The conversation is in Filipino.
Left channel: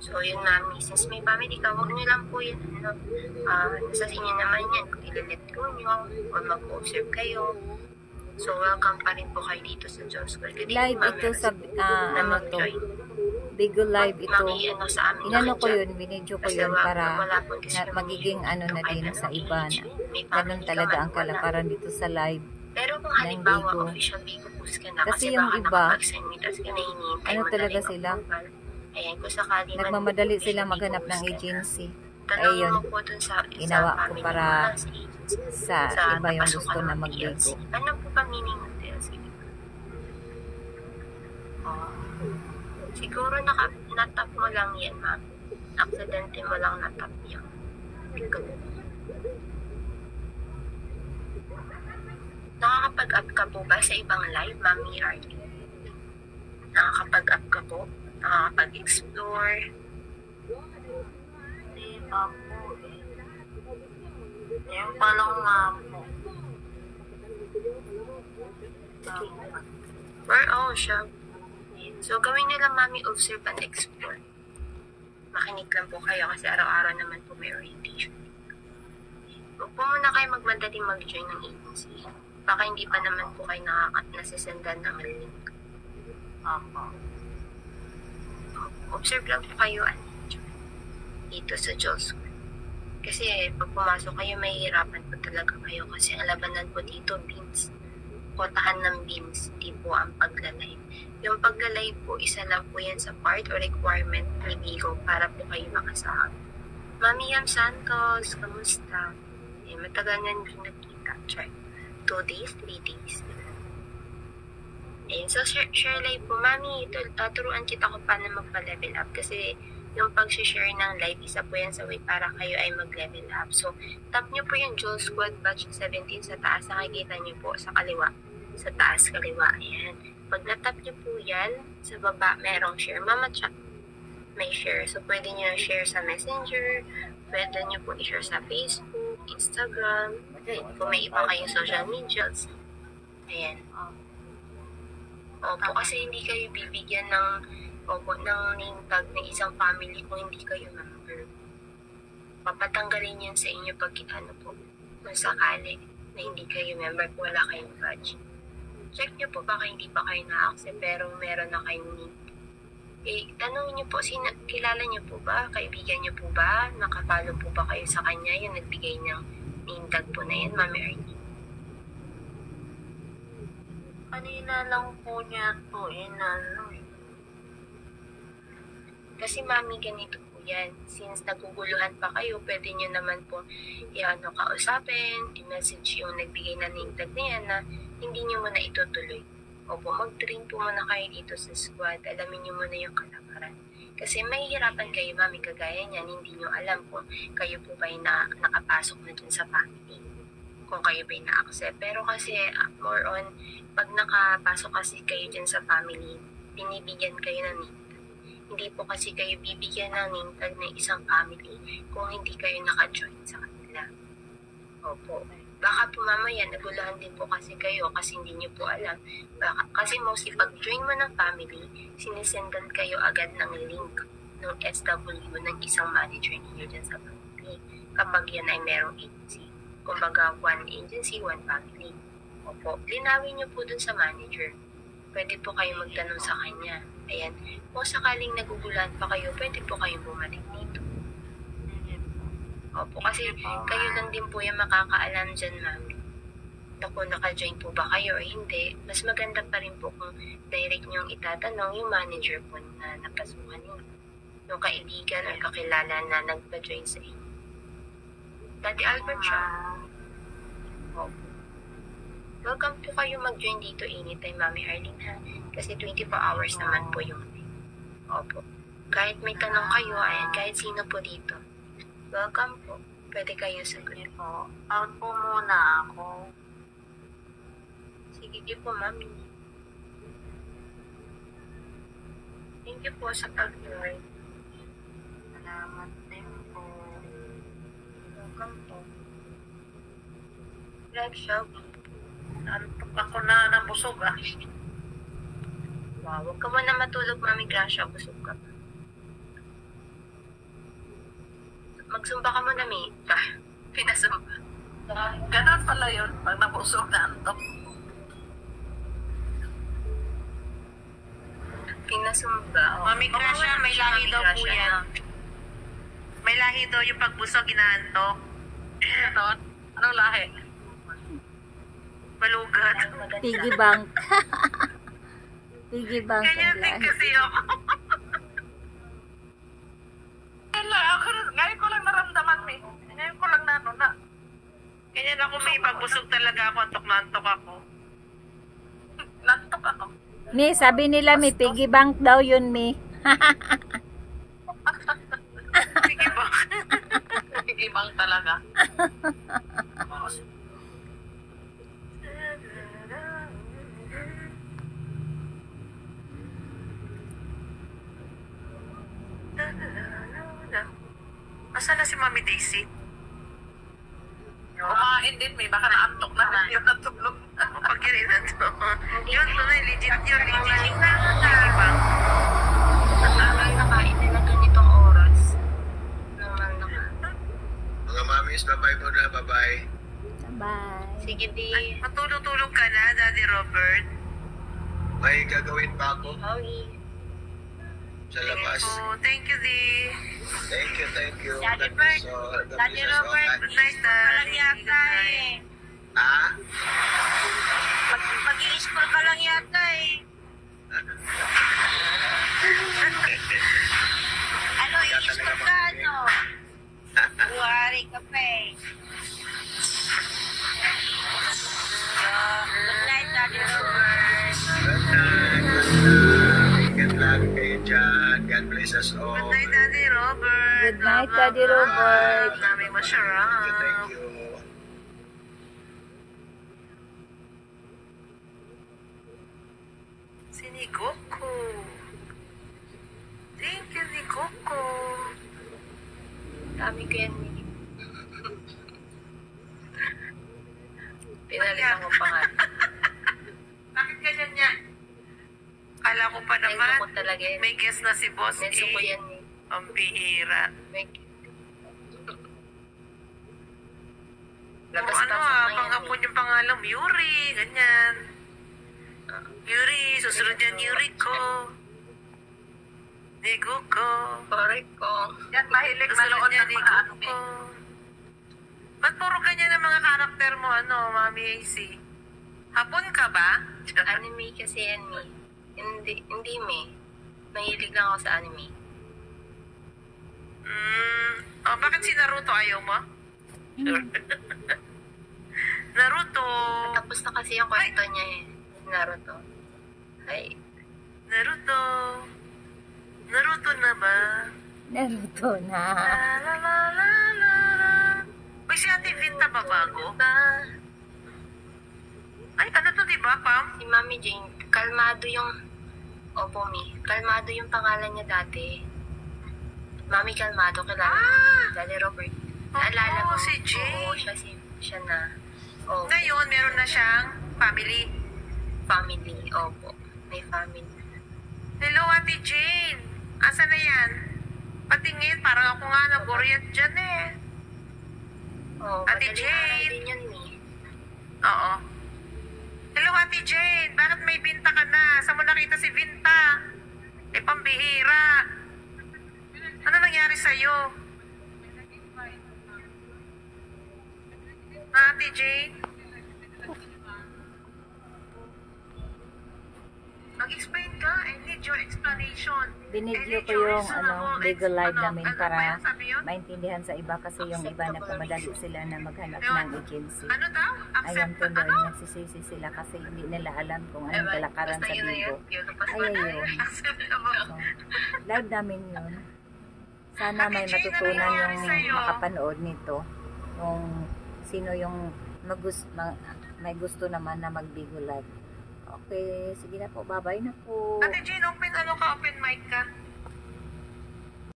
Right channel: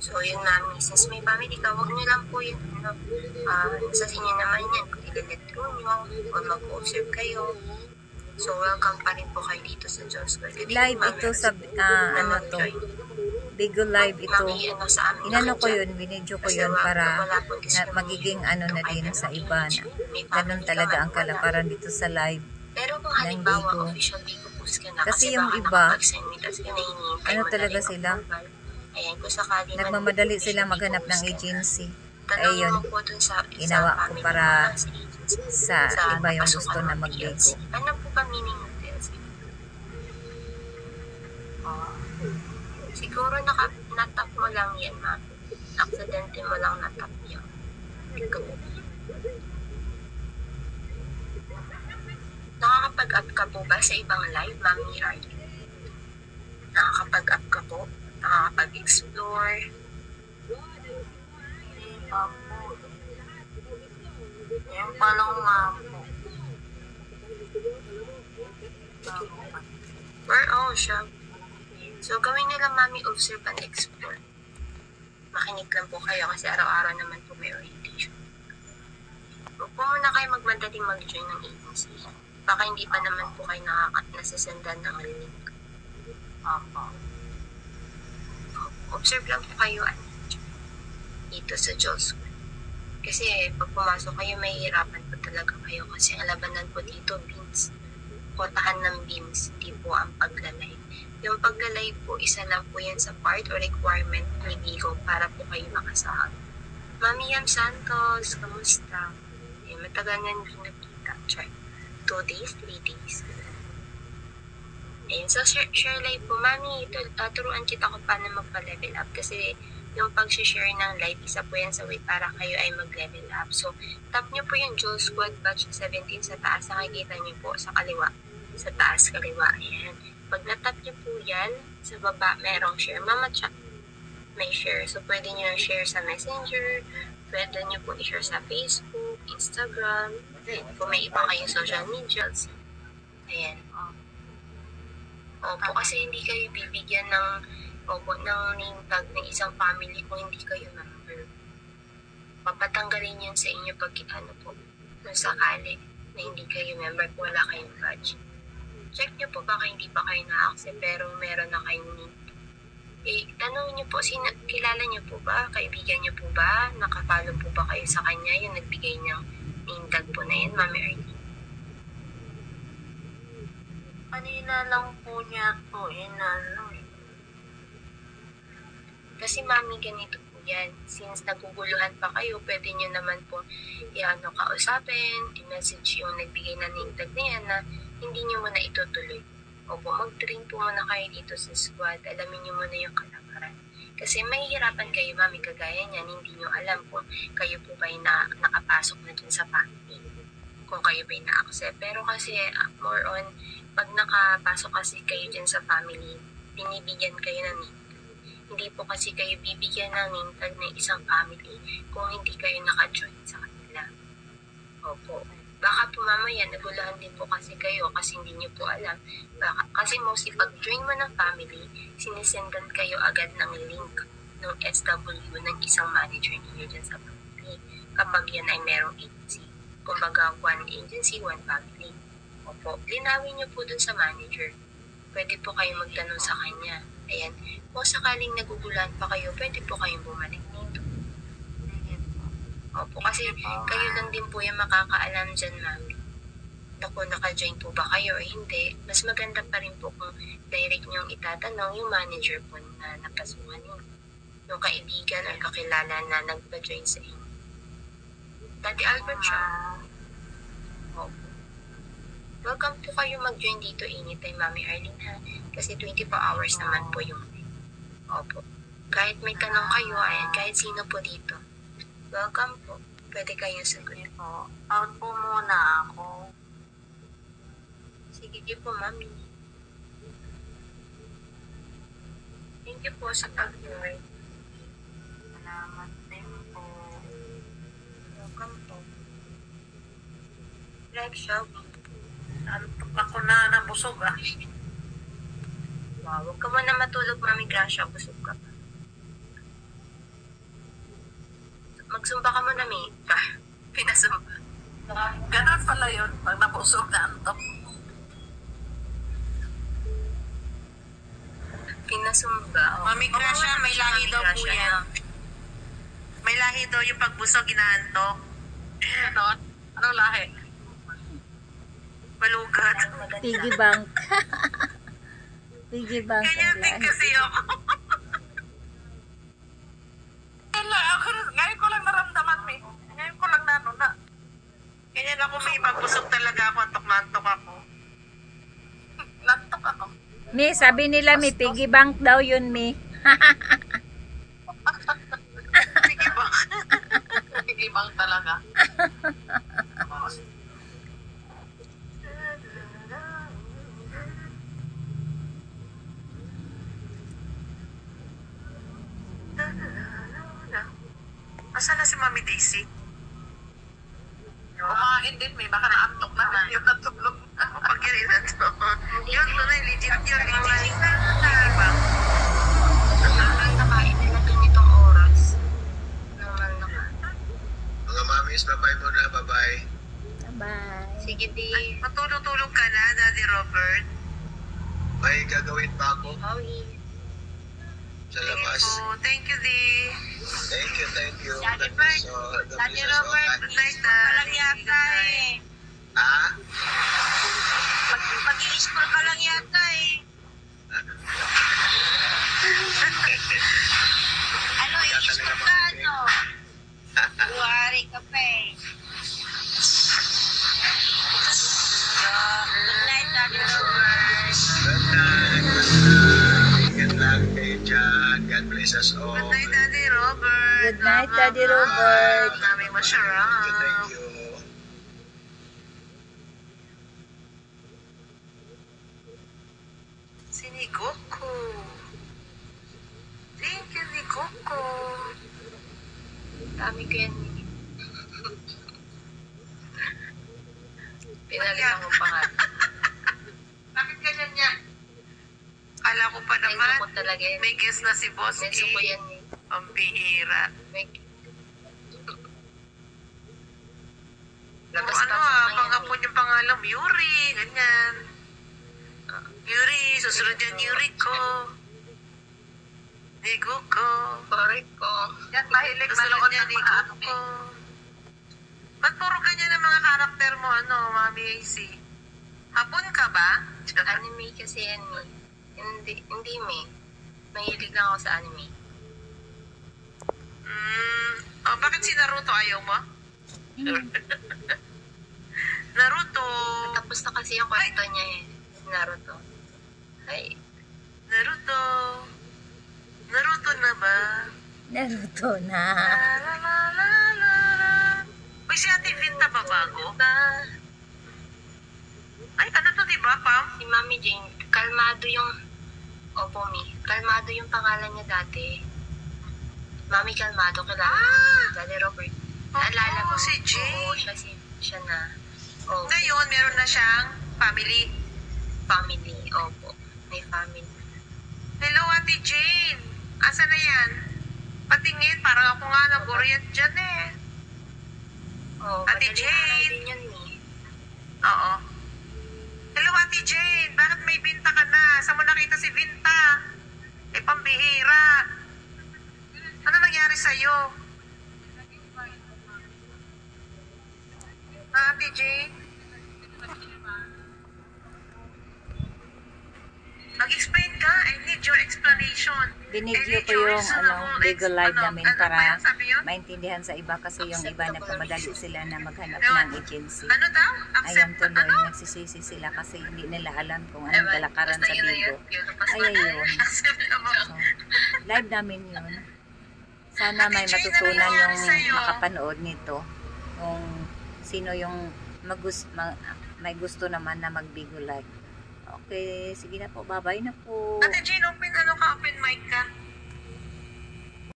So, yun mami, since may family ka, huwag nyo lang po yun, nasa inyo naman yan, kung ilalet ko nyo, o mag-observe kayo. So, welcome pa rin po kayo dito sa Diyos. Live ito sa, ano to, Bigo Live ito. Inano ko yun, binidyo ko yun para magiging ano na din sa iba na. Ganun talaga ang kalaparan dito sa live ng Bigo. Kasi yung iba, ano talaga sila, nagmamadali sila maghanap ng agency. Ayun, ginawa ko para sa iba yung gusto na mag-Bigo. Ano po ba meaning ng TLC? Siguro natap mo lang yan, ma'am. Aksidente mo lang natap yan. Nakakapag-up ka po ba sa ibang live, Mami Arlene? Nakakapag-up ka po? Nakakapag-explore? Yung palang nga po. Siya. So, gawin nyo lang, Mami, observe and explore. Makinig lang po kayo kasi araw-araw naman po may orientation. Huwag po muna kayo magmadaling mag-join ng agency. Baka hindi pa naman po kayo nasisendan ng link. Observe lang po kayo dito sa Diyos. Kasi pag pumasok kayo, mahihirapan po talaga kayo kasi ang labanan po dito, beams. Kotahan ng beams, hindi po ang paglalay. Yung paglalay po, isa lang po yan sa part or requirement ni Bigo para po kayo makasahag. Mami Yam Santos, kamusta? Matagal na hindi nakita. Check. 2 days, 3 days. So share live po. Mami, turuan kita kung paano magpa-level up kasi yung pag-share ng live, isa po yan sa way para kayo ay mag-level up. So, tap nyo po yung Jewel Squad Batch 17 sa taas. Nakikita nyo po sa kaliwa. Sa taas, kaliwa. Ayan. Pag natap nyo po yan, sa baba, merong share. Mama chat. May share. So, pwede nyo share sa Messenger. Pwede nyo po i-share sa Facebook, Instagram. Kung may iba kayong social medias. Ayan. Opo, kasi hindi kayo bibigyan ng name tag ng isang family kung hindi kayo member. Papatanggalin yun sa inyo pag po. Kung sakali na hindi kayo member, kung wala kayong badge. Check nyo po baka hindi pa kayo na-accept pero meron na kayong name. Tanong nyo po, kilala nyo po ba? Kaibigan nyo po ba? Nakapalo po ba kayo sa kanya? Yung nagbigay ng name tag po na yan, Mami Arlene. Kanina lang po niya to, Kasi Mami, ganito po yan. Since naguguluhan pa kayo, pwede nyo naman po kausapin, i-message yung nagbigay na name tag na yan na hindi nyo muna itutuloy. Opo, mag-train po muna kayo dito sa squad. Alamin nyo muna yung kalaparan. Kasi mahihirapan kayo, Mami, kagaya niyan, hindi nyo alam kung kayo po ba yung nakapasok na dun sa family. Kung kayo ba yung na-accept. Pero kasi, more on, pag nakapasok kasi kayo dyan sa family, binibigyan kayo ng name tag. Hindi po kasi kayo bibigyan ng name tag ng isang family kung hindi kayo naka-join sa kanila. Opo. Baka po mamaya, nagulahan din po kasi kayo kasi hindi nyo po alam. Kasi mostly, pag join mo ng family, sinisendan kayo agad ng link ng SW ng isang manager ninyo dyan sa family. Kapag yan ay merong agency. Kumbaga, one agency, one family. Opo, linawin nyo po dun sa manager. Pwede po kayo magtanong sa kanya. Ayan, kung sakaling nagugulahan pa kayo, pwede po kayong bumalik dito. Opo, kasi kayo lang din po yung makakaalam dyan, Mami. Kung naka-join po ba kayo o hindi, mas maganda pa rin po kung direct nyong itatanong yung manager po na napasukan nyo. Yung kaibigan o kakilala na nagpa-join sa inyo. Dati Albert siya. Opo. Welcome po kayo mag-join dito anytime, Mami Arlene, ha? Kasi 24 hours naman po yung Opo. Kahit may tanong kayo, ayan, kahit sino po dito. Welcome po. Pwede kayo sagutin po. Out po muna ako. Sige po, Mami. Thank you po sa pag-join. Salamat din po. Welcome po. Live shop. Antok ako na nabusog Wow, huwag ka mo na matulog, Mami Gracia. Busog ka pa. Magsumba ka muna, May. Pinasumba. Ganon pala yun, pag nabusog na antok. Pinasumba. Mami Gracia, may lahi daw po yan. May lahi daw yung pagbusog, inaantok. Ano? Anong lahi? Malugat. Piggy bank. Piggy bank. Ganyan din kasi ako. Ngayon ko lang naramdaman, May. Ngayon ko lang na. Ganyan ako, May. Pagbusog talaga ako, antok na antok ako. Nantok ako. Mi, sabi nila may piggy bank daw yun, Mi. Sige ba? Sige bang talaga? Asan na si Mami Daisy? Kumain din, May. Baka naantok na. Yung natulog. Pag yun na to. Yun, tunay. Legit yun. Legit na. Diba? Ang nakain nila ganitong oras. Naman naman. Mga mamis, bye-bye muna, bye-bye. Bye. Sige, di. Matulog-tulog ka na, Daddy Robert. May gagawin pa ako Howie. sa labas. Oh, thank you, Di. Thank you, thank you. Daddy God Bert, bless all. God Daddy bless us all. Robert, good night, Daddy. Yata eh. Ha? Mag-i-school ka lang yata eh. Ano, i-school ka ano? Buhari ka pa eh. Good night, Daddy Robert. Good night, good night. Ingat lang kayo dyan. God bless us all. Good night, Daddy Robert. Good night, Daddy Robert. Dami masarap. Thank you. Si Nikoko. Thank you, Nikoko. Dami ko yan. Pinalitan ko pa nga. Bakit ganyan niya? Kala ko pa Menso naman, ko talaga yan. may guess na si Boss Menso ko E. yan. Ang bihira. Labas Ano pasok na yan. panghapon yung pangalan, Yuri, ganyan. Yuri, susunod yan Yuriko. Niguko. Correct ko. Yan, mahilig manood ng mga anime. Ba't puro ganyan ang mga karakter mo, Mami AC? Hapon ka ba? Anime kasi yan eh. Hindi me. Mahilig lang ako sa anime. Bakit si Naruto ayaw mo? Naruto. Tapos na kasi yung kwento niya eh. Naruto. Ay. Naruto. Naruto na ba? Naruto na. La la la la la. Uy, si Ate Vinta ba bago? Ay, ano to, diba, Pam? Si Mami Jane, kalmado yung... Opo, Mi. Kalmado yung pangalan niya dati. Mami Kalmado, kilala mo. Daddy Robert. Naalala mo? si Jane. Oo, siya na. Opo. Ngayon, meron na siyang family. Family. Opo. May family. Hello, Ate Jane. Asa na yan? Patingin, parang ako nga nag-orient dyan eh. Oh, Ate madaling Jane. araw din yun, Mi. Oo. Hello, Ate Jane. Bakit may Vinta ka na? Saan mo nakita si Vinta? Eh, pambihira. Ano nangyari sa'yo? Ate Jane? Mag-explain ka. I need your explanation. Binidyo ko yung legal live namin para maintindihan sa iba kasi yung iba na pamadali sila na maghanap ng agency. Ano daw? Ayan tuloy, nagsisisi sila kasi hindi nila alam kung anong kalakaran sa Bigo. Ay, ayun. So, live namin yun. Sana may matutunan yung makapanood nito. Yung sino yung may gusto naman na mag-Bigo live. Okay, sige na po. Bye-bye na po. Ate Jane, open mic ka.